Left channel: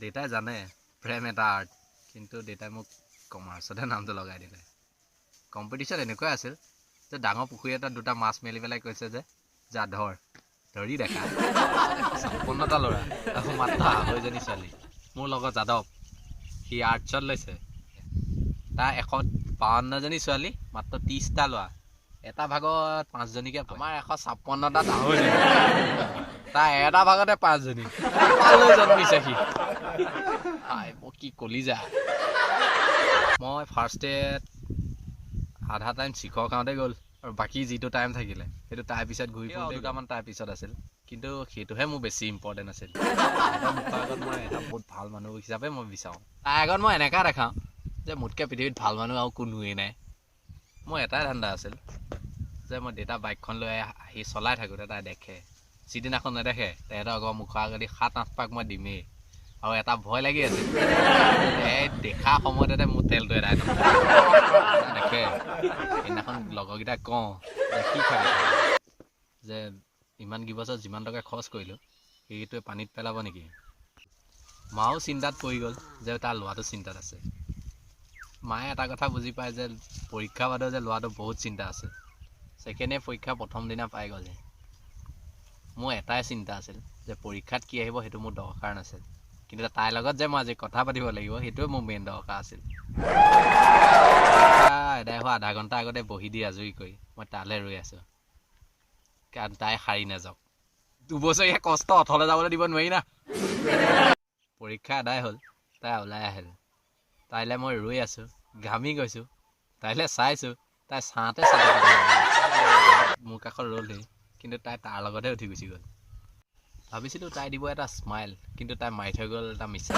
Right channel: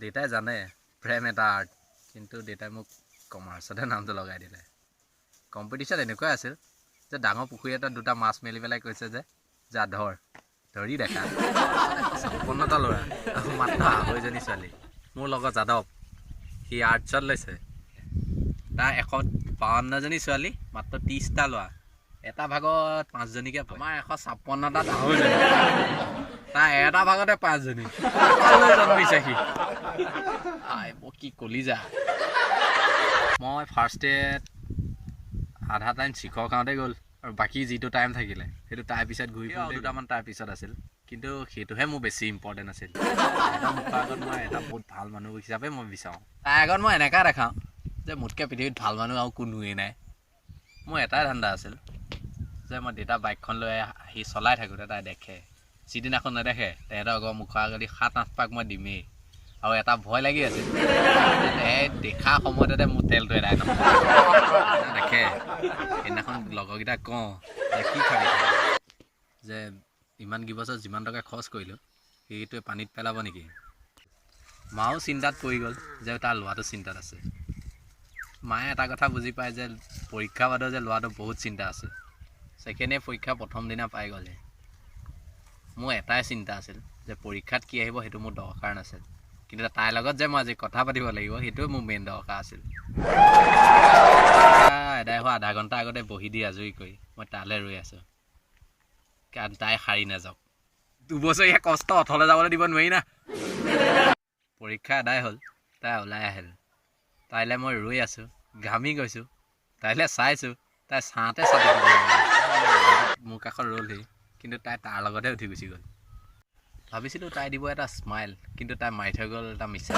দেউতাই জানে প্ৰেম এটা আৰ্ট, কিন্তু দেউতাই মোক কমাৰ্চতে নামটো লগাই দিলে। কম্পিটিশ্যন এনেকুৱাই আছিল যে ডাঙৰ পুখুৰী এটাত দুটা মাছ মেলি পেলাই কৈছে যে যা ধৰি দেখা 56টা ল'ৰা আৰু মাত্ৰ 2.5জনী ছোৱালী। মোৰ লগত যাদৱ, সি আৰ্টছত লৈছে। তাৰ 152জনী ছোৱালী, মাত্ৰ 30টা ল'ৰা। এটা ভাগত 5জনীকে পৰে। আমাৰ 156টা 2.5জনী, তাৰ এটা ভাগতে 5জনী জন্মিছে সি। মই কি কলিজা। মই ফাৰ্ষ্ট ডেত আধা টাইম শিখৰ খাওঁতে গ'ল, আৰু বাকী যিটো টাইম থাকিলে সেইটো তাৰ পিছত ঘূৰি ফুৰোঁ। দুটামান তাৰ পিছত আছিল, কিন্তু সেইটোহে মোৰ বেছি ইম্পৰ্টেণ্ট আছিল। মুখৰ আগত মই এটা বহুত ভাল মানুহ হিচাপে মই বিচাৰোঁ। তাৰ আগত মই এনেকুৱা দেখাওঁ যে মোতকৈ পৃথিৱীত ভাল মানুহ আৰু কোনোৱেই নাই। মোৰ এটাই ধান্দা আছিল যে মই দেউতা বাইকখন লৈ আহি চলাই থাকোঁতে তাই দেখে, যিদিনাখন নেদেখে তেহেঁতৰ ঘৰৰ মুখৰ আগেদি 7-8 পাক মই দিমেই। আৰু এটা ভয় লাগি আছিল, দেখা সময়তে মোৰ তেলটো এদাই দেখে। সেইদিনাখন লগৰকেইটাক কওঁ কি খাবি যে ইমান কেইবছৰ যিমান টকা খৰচ কৰিলোঁ সেইটোৱে পানীত পেলাব নেকি। মাও চিন্তাত পৰি গ'ল যে তাৰ ল'ৰাটো চিন্তাত আছে। মায়ে এটা কথা বুজি পায় যে পৰীক্ষা বাদৰ যে ল'ৰাটো বহুত চিন্তা আছে। ছেকেণ্ড ইয়েৰ পৰীক্ষা প্ৰথম দিনা পাই গ'লে। মোৰ এটাই চিন্তা আছিল যে পৰীক্ষাত কি আহিব সেইটো মোৰ দৰকাৰ নাছিল, কিন্তু তাইৰ লগত যে মই আজি কথা পাতিব লাগিব সেইটোৱে মোৰ মেইন দৰকাৰ আছিল। এদাই হোৱা আধা ঘণ্টা আগতে বহি দি আজৰি কৰি মই তালৈ ৰৈ আছোঁ, কাৰণ তাই সাৰি নাযাওক। 2 বছৰীয়া কষ্ট অথলে যাবলৈ দিব নোৱাৰি না। পৰীক্ষা আদায় হ'ল, তাই ওলাই আহিল। তাইলৈ মই ৰৈ আছোঁ, ঘামি গৈছোঁ। তাইলৈ চাইছোঁ, তাই চাওঁতে মোৰ কাষত ৰ'লহি, কিন্তু তাই তাৰ লগতহে উঠি গুচি গ'ল। ভাবিছিলোঁ তাই দিব এটা স্মাইল, কিন্তু তাই মাৰি থৈ গ'ল এটা মিছা।